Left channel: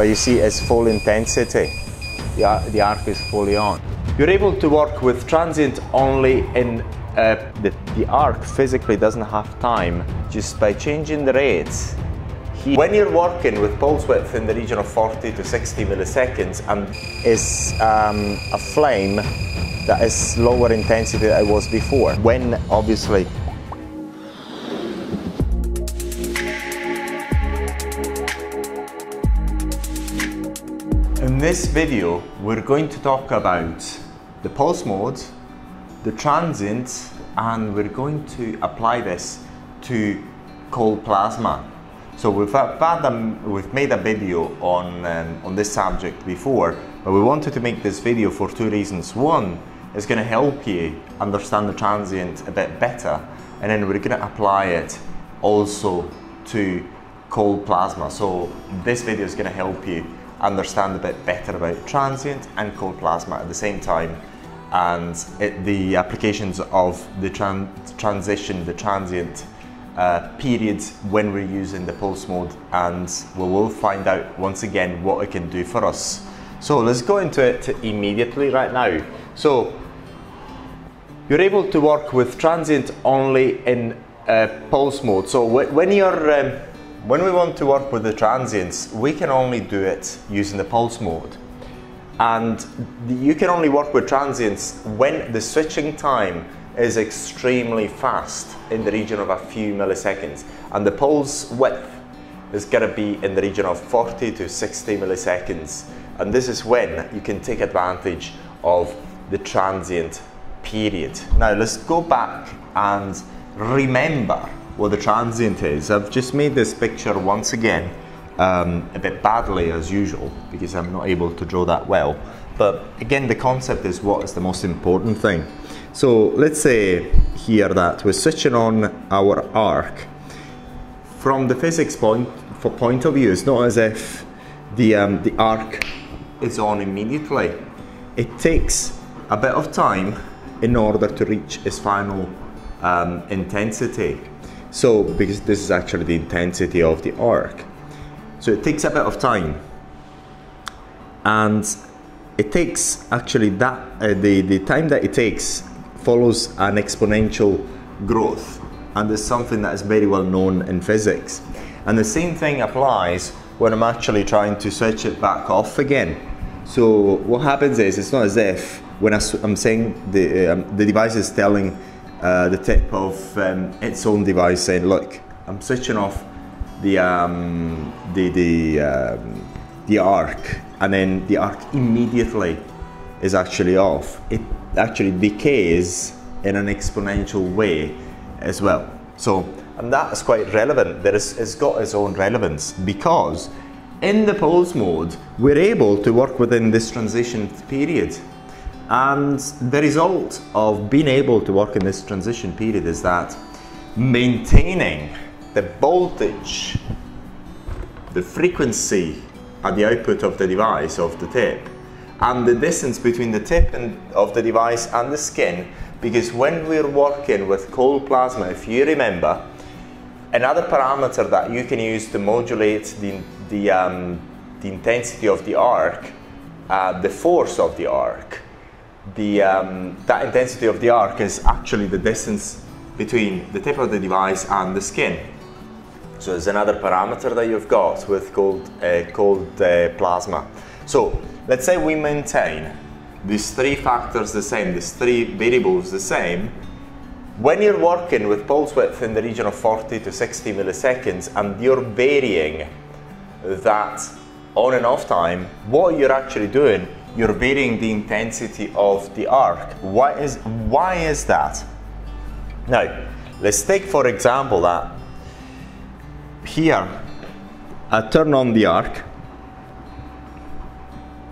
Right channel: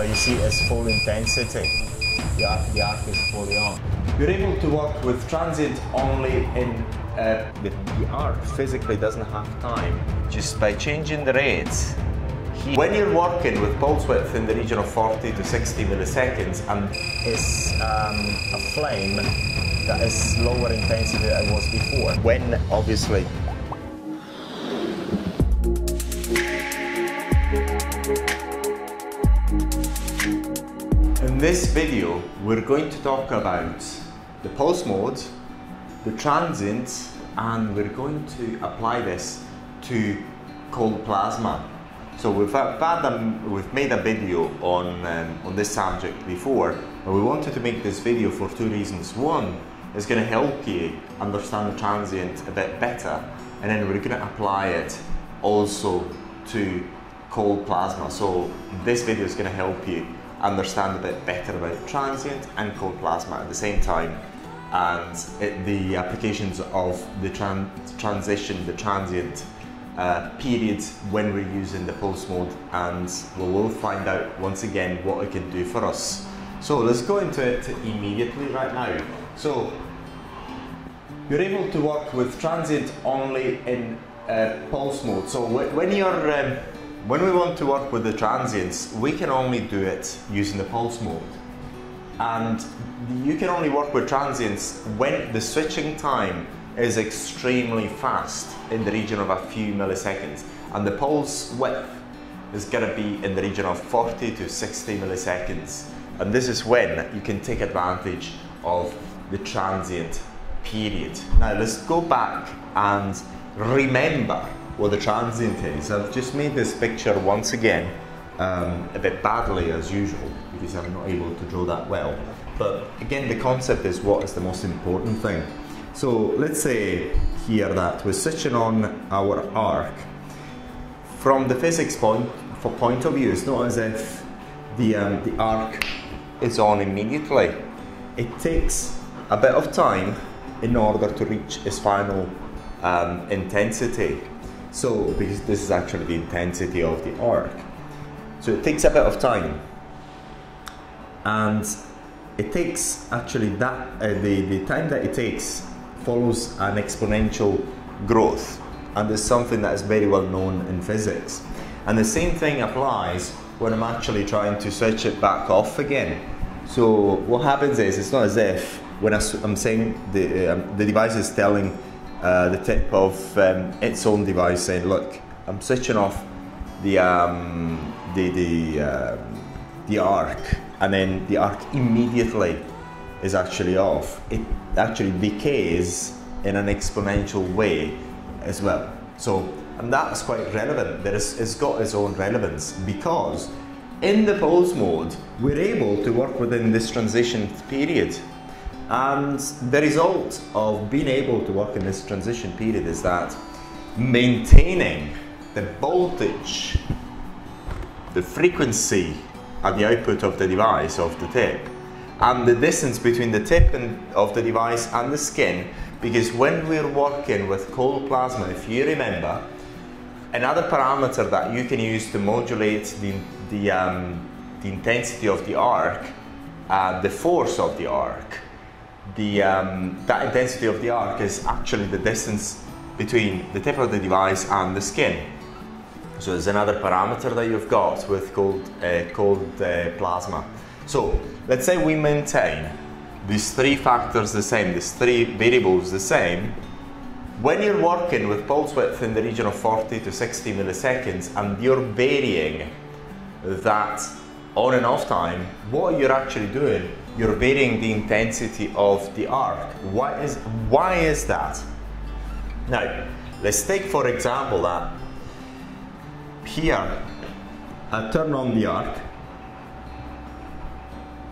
but you see it's full intensity. The arc is fully on. You're able to work with transient only in the arc physically doesn't have time just by changing the rates. When you're working with pulse width in the region of 40 to 60 milliseconds and is a flame that is lower intensity than it was before. When obviously in this video we're going to talk about the pulse mode, the transient, and we're going to apply this to cold plasma. So we've made a video on this subject before, but we wanted to make this video for two reasons. One, it's going to help you understand the transient a bit better, and then we're going to apply it also to cold plasma. So this video is going to help you understand a bit better about transient and cold plasma at the same time, and the applications of the transition, the transient period when we're using the pulse mode, and we will find out once again what it can do for us. So let's go into it immediately right now. So you're able to work with transient only in pulse mode. So when we want to work with the transients, we can only do it using the pulse mode. And you can only work with transients when the switching time is extremely fast, in the region of a few milliseconds. And the pulse width is going to be in the region of 40 to 60 milliseconds. And this is when you can take advantage of the transient period. Now let's go back and remember what the transient is. I've just made this picture once again a bit badly as usual because I'm not able to draw that well, but again the concept is what is the most important thing. So let's say here that we're switching on our arc. From the physics point of view, it's not as if the arc is on immediately. It takes a bit of time in order to reach its final intensity. So, because this is actually the intensity of the arc. So it takes a bit of time. And it takes actually that, the time that it takes follows an exponential growth. And it's something that is very well known in physics. And the same thing applies when I'm actually trying to switch it back off again. So what happens is, it's not as if when I'm saying the device is telling the tip of its own device saying, look, I'm switching off the arc, and then the arc immediately is actually off. It actually decays in an exponential way as well. So, and that's quite relevant. It's got its own relevance because in the pulse mode, we're able to work within this transition period. And the result of being able to work in this transition period is that maintaining the voltage, the frequency at the output of the device, of the tip, and the distance between the tip of the device and the skin, because when we're working with cold plasma, if you remember, another parameter that you can use to modulate the intensity of the arc, the force of the arc, that intensity of the arc is actually the distance between the tip of the device and the skin. So it's another parameter that you've got with cold plasma. So let's say we maintain these three factors the same, these three variables the same. When you're working with pulse width in the region of 40 to 60 milliseconds and you're varying that on and off time, what you're actually doing, you're varying the intensity of the arc. Why is that? Now, let's take for example that here I turn on the arc.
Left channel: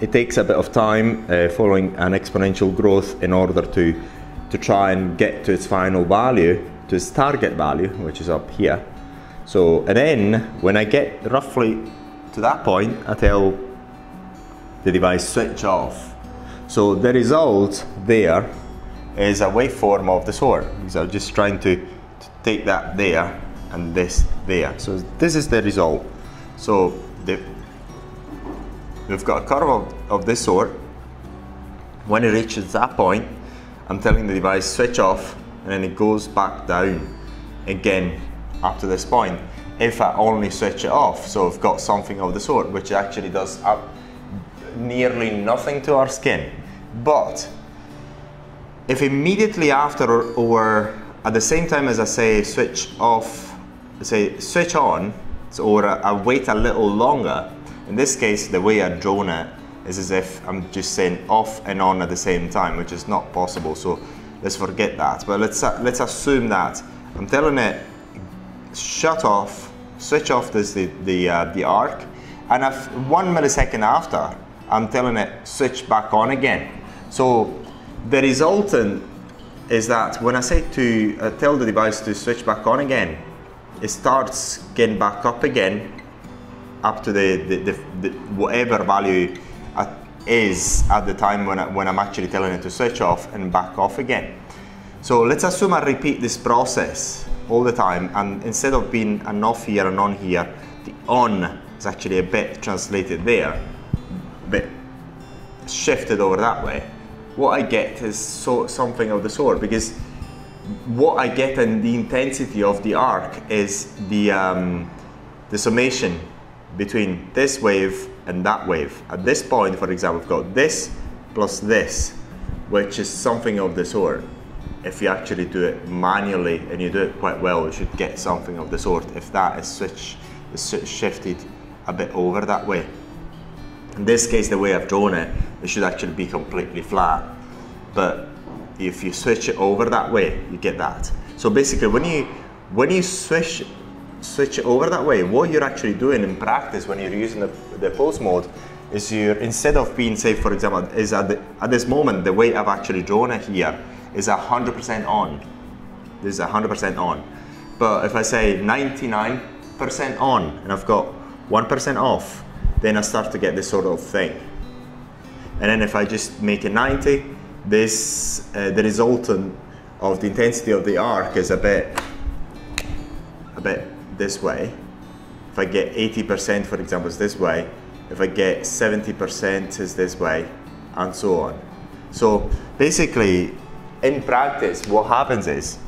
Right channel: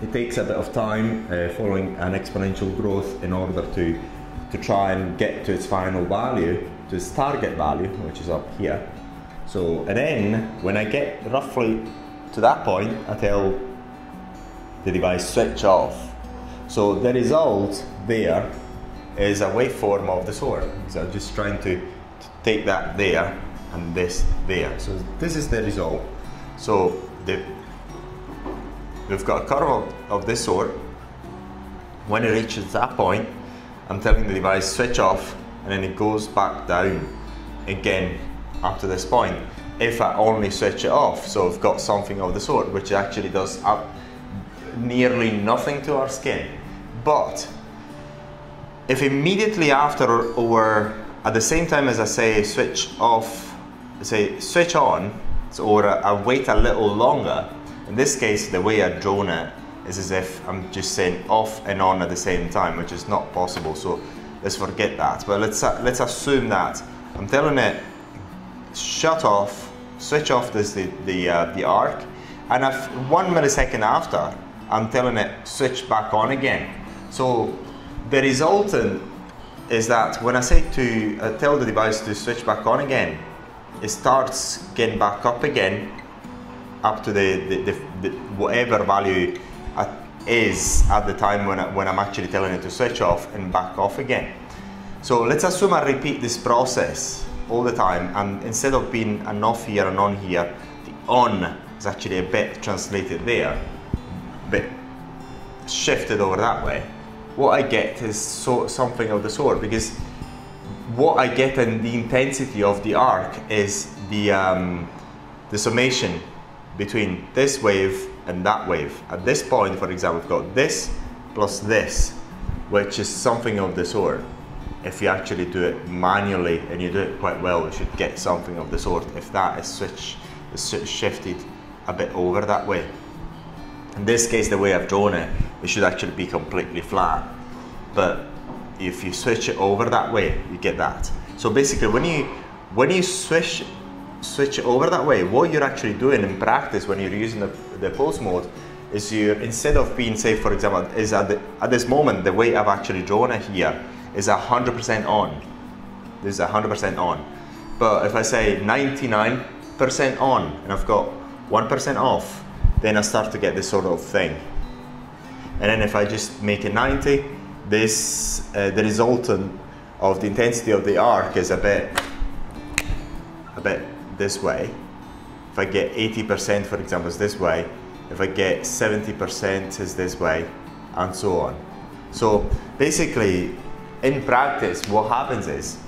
It takes a bit of time following an exponential growth in order to try and get to its final value, to its target value, which is up here. So, and then when I get roughly to that point, I tell the device switch off. So the result there is a waveform of the sort. So I'm just trying to take that there and this there. So this is the result. So we've got a curve of this sort. When it reaches that point, I'm telling the device switch off, and then it goes back down again up to this point. If I only switch it off, so I've got something of the sort, which actually does nearly nothing to our skin. But if immediately after or at the same time as I say switch off, say switch on, or I wait a little longer, in this case the way I've drawn it is as if I'm just saying off and on at the same time, which is not possible, so let's forget that. But let's assume that I'm telling it shut off, switch off the arc, and if 1 millisecond after I'm telling it switch back on again. So the resultant is that when I say to tell the device to switch back on again, it starts getting back up again up to the whatever value is at the time when I'm actually telling it to switch off, and back off again. So let's assume I repeat this process all the time, and instead of being an off here and on here, the on is actually a bit translated there, a bit shifted over that way. What I get is something of the sort, because what I get in the intensity of the arc is the summation between this wave and that wave. At this point, for example, we've got this plus this, which is something of the sort. If you actually do it manually and you do it quite well, you should get something of the sort if that is shifted a bit over that way. In this case, the way I've drawn it, it should actually be completely flat. But if you switch it over that way, you get that. So basically, when you switch it over that way, what you're actually doing in practice when you're using the pulse mode is instead of being, say for example, is at this moment, the way I've actually drawn it here is 100% on. This is 100% on. But if I say 99% on and I've got 1% off, then I start to get this sort of thing. And then if I just make it 90, the resultant of the intensity of the arc is a bit this way. If I get 80%, for example, is this way. If I get 70% is this way, and so on. So basically, in practice, what happens is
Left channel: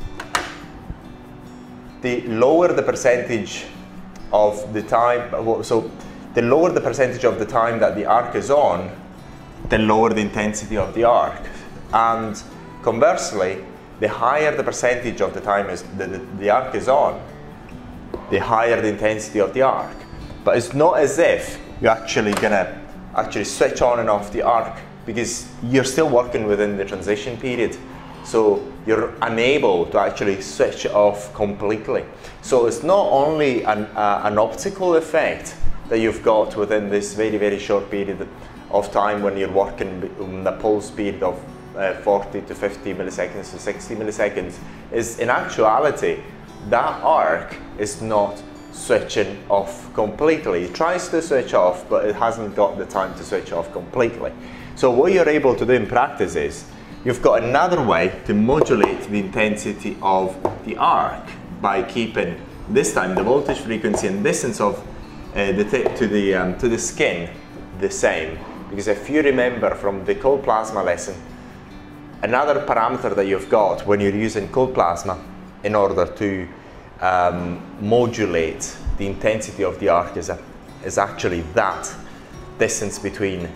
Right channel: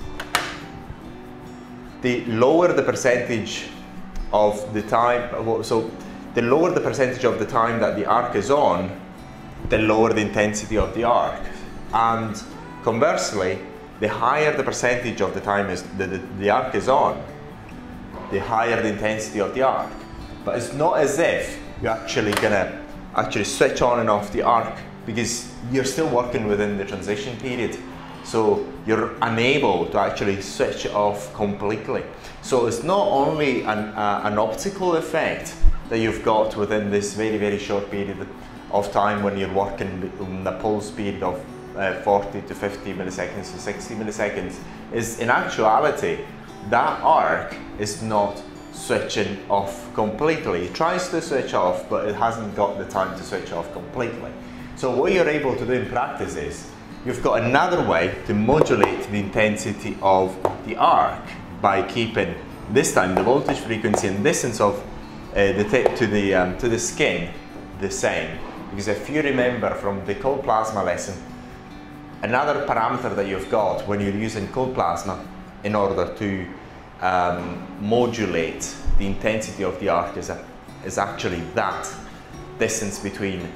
the lower the percentage of the time, so the lower the percentage of the time that the arc is on, the lower the intensity of the arc. And conversely, the higher the percentage of the time is the arc is on, the higher the intensity of the arc. But it's not as if you're actually gonna switch on and off the arc, because you're still working within the transition period. So you're unable to actually switch off completely. So it's not only an optical effect that you've got within this very, very short period of time when you're working in the pulse speed of 40 to 50 milliseconds to 60 milliseconds, is in actuality, that arc is not switching off completely. It tries to switch off, but it hasn't got the time to switch off completely. So what you're able to do in practice is, you've got another way to modulate the intensity of the arc by keeping, this time, the voltage, frequency and distance of the tip to the skin the same. Because if you remember from the cold plasma lesson, another parameter that you've got when you're using cold plasma in order to modulate the intensity of the arc is actually that distance between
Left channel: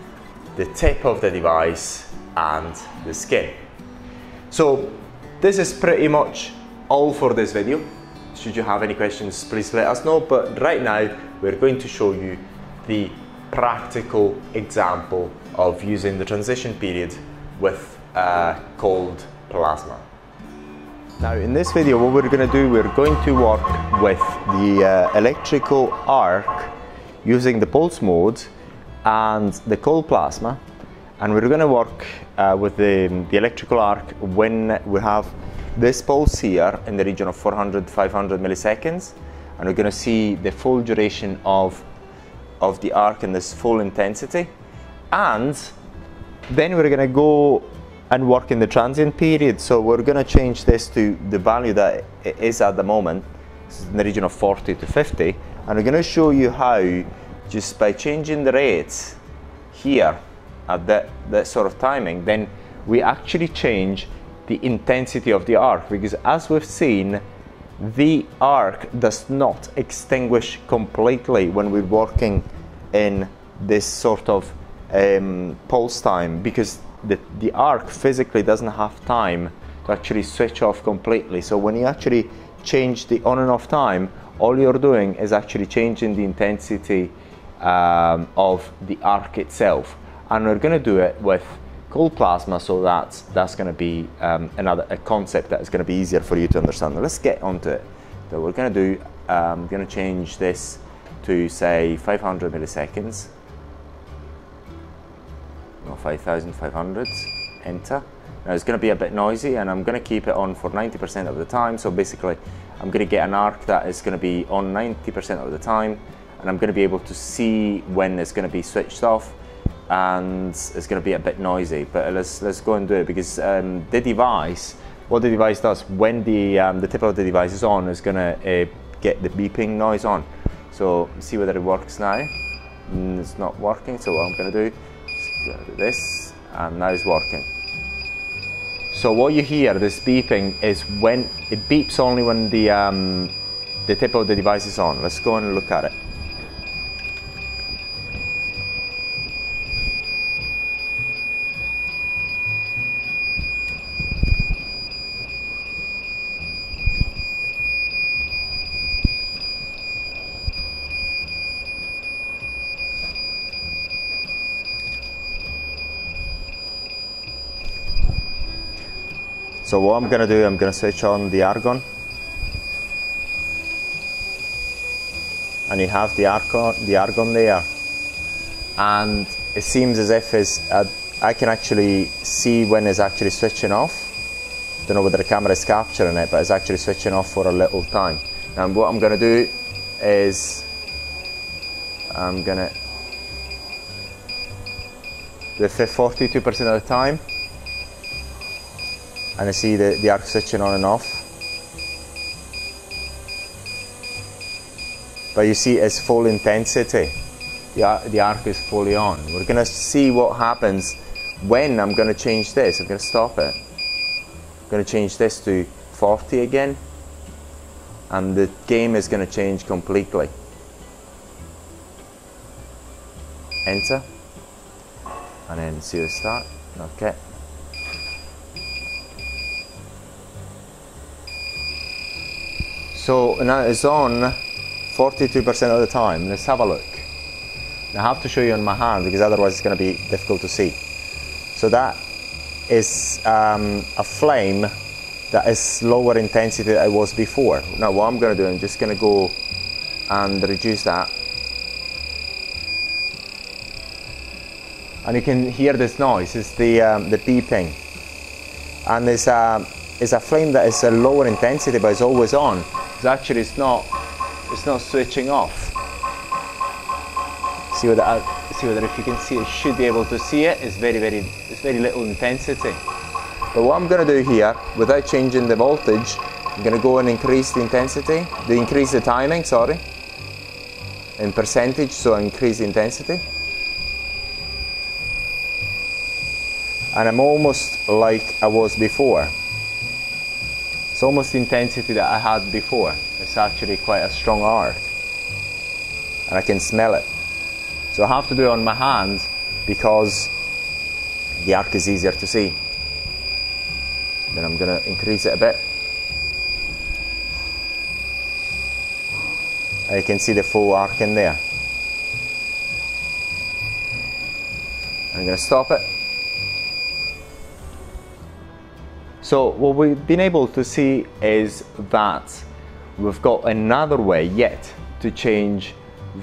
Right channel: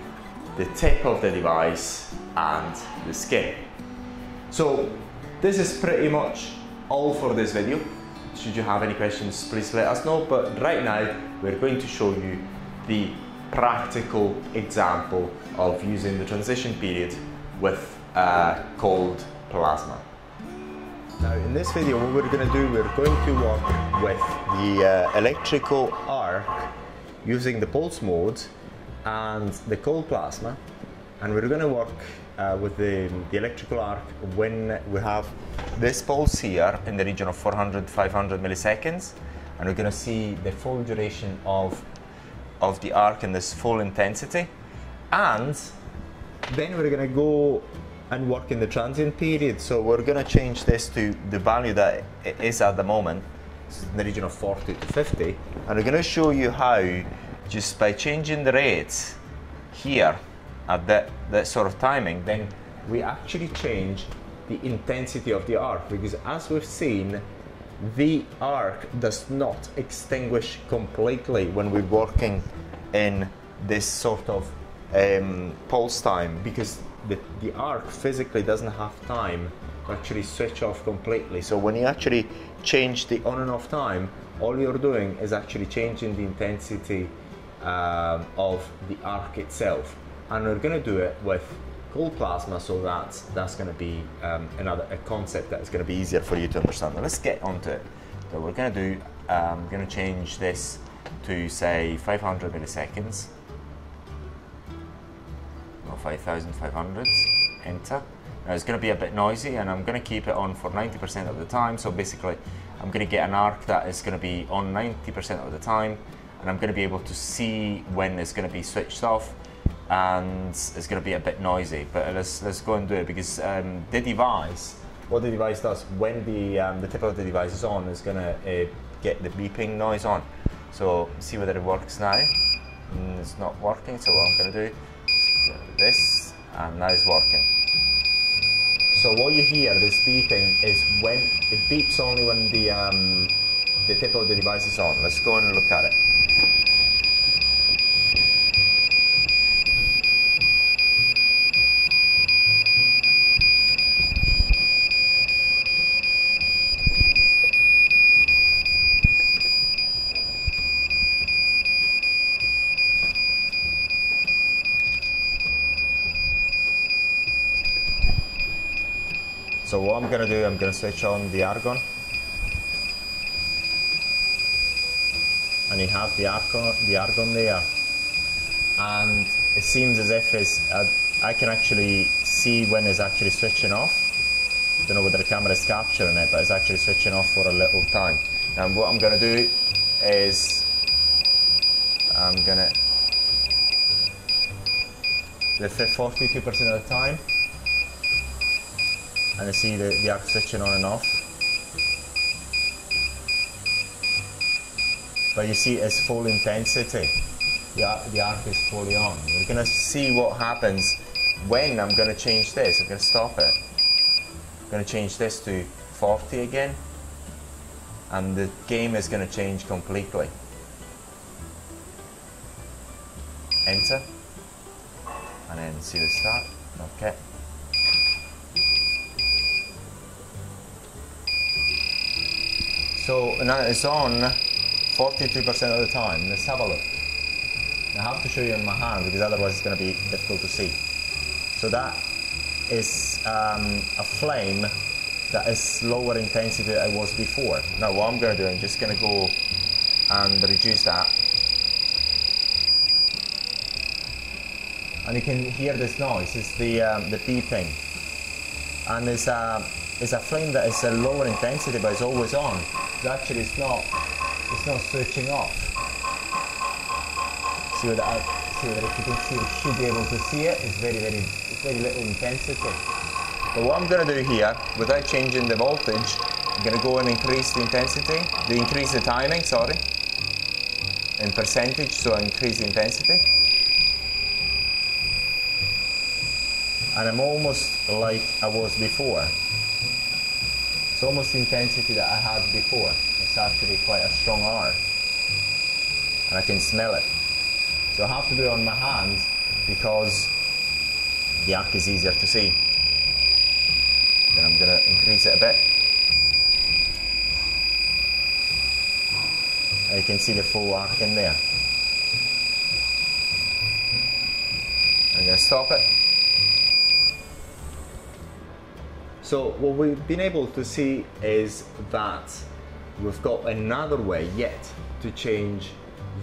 the tip of the device and the skin. So this is pretty much all for this video. Should you have any questions, please let us know. But right now, we're going to show you the practical example of using the transition period with cold plasma. Now in this video, what we're going to do, we're going to work with the electrical arc using the pulse mode and the cold plasma, and we're going to work with the electrical arc when we have this pulse here in the region of 400-500 milliseconds, and we're going to see the full duration of the arc in this full intensity, and then we're going to go and work in the transient period. So we're going to change this to the value that it is at the moment, in the region of 40 to 50, and we're going to show you how, just by changing the rates, here at that sort of timing, then we actually change the intensity of the arc, because as we've seen, the arc does not extinguish completely when we're working in this sort of pulse time, because the arc physically doesn't have time to actually switch off completely. So when you actually change the on and off time, all you're doing is actually changing the intensity of the arc itself. And we're going to do it with cold plasma, so that's going to be a concept that is going to be easier for you to understand. Now let's get onto it. So we're going to do, I'm going to change this to say 500 milliseconds. No, 5,500. Enter. Now it's going to be a bit noisy, and I'm going to keep it on for 90% of the time. So basically, I'm going to get an arc that is going to be on 90% of the time, and I'm going to be able to see when it's going to be switched off, and it's going to be a bit noisy. But let's go and do it, because the device, what the device does when the tip of the device is on, is going to get the beeping noise on. So see whether it works now. It's not working. So what I'm going to do is do this, and now it's working. So what you hear, this beeping, is when it beeps only when the tip of the device is on. Let's go and look at it. So what I'm going to do, I'm going to switch on the argon, and you have the argon there, and it seems as if I can actually see when it's actually switching off. Don't know whether the camera is capturing it, but it's actually switching off for a little time. Now what I'm going to do is I'm going to do it 42% of the time. And I see the arc switching on and off. But you see it's full intensity. The arc is fully on. We're going to see what happens when I'm going to change this. I'm going to stop it. I'm going to change this to 40 again. And the game is going to change completely. Enter. And then see the start. Okay. So now it's on 42% of the time. Let's have a look. I have to show you on my hand, because otherwise it's going to be difficult to see. So that is a flame that is lower intensity than it was before. Now what I'm going to do, I'm just going to go and reduce that. And you can hear this noise. It's the beeping. And it's a flame that is a lower intensity, but it's always on. Actually, it's not switching off. See whether if you can see, you should be able to see it. It's very little intensity. But what I'm going to do here, without changing the voltage, I'm going to go and increase the intensity, increase the timing, sorry, in percentage. So I increase the intensity, and I'm almost like I was before. It's almost the intensity that I had before. It's actually quite a strong arc, and I can smell it. So I have to do it on my hand, because the arc is easier to see. Then I'm going to increase it a bit. And you can see the full arc in there. I'm going to stop it. So what we've been able to see is that we've got another way yet to change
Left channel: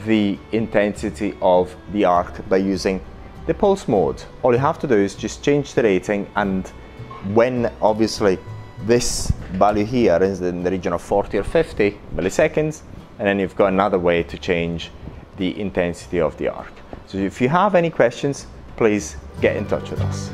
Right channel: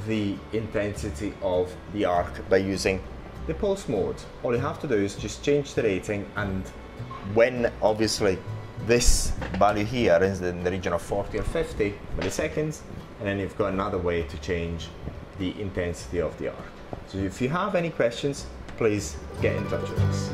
the intensity of the arc by using the pulse mode. All you have to do is just change the rating, and when obviously this value here is in the region of 40 or 50 milliseconds, and then you've got another way to change the intensity of the arc. So if you have any questions, please get in touch with us.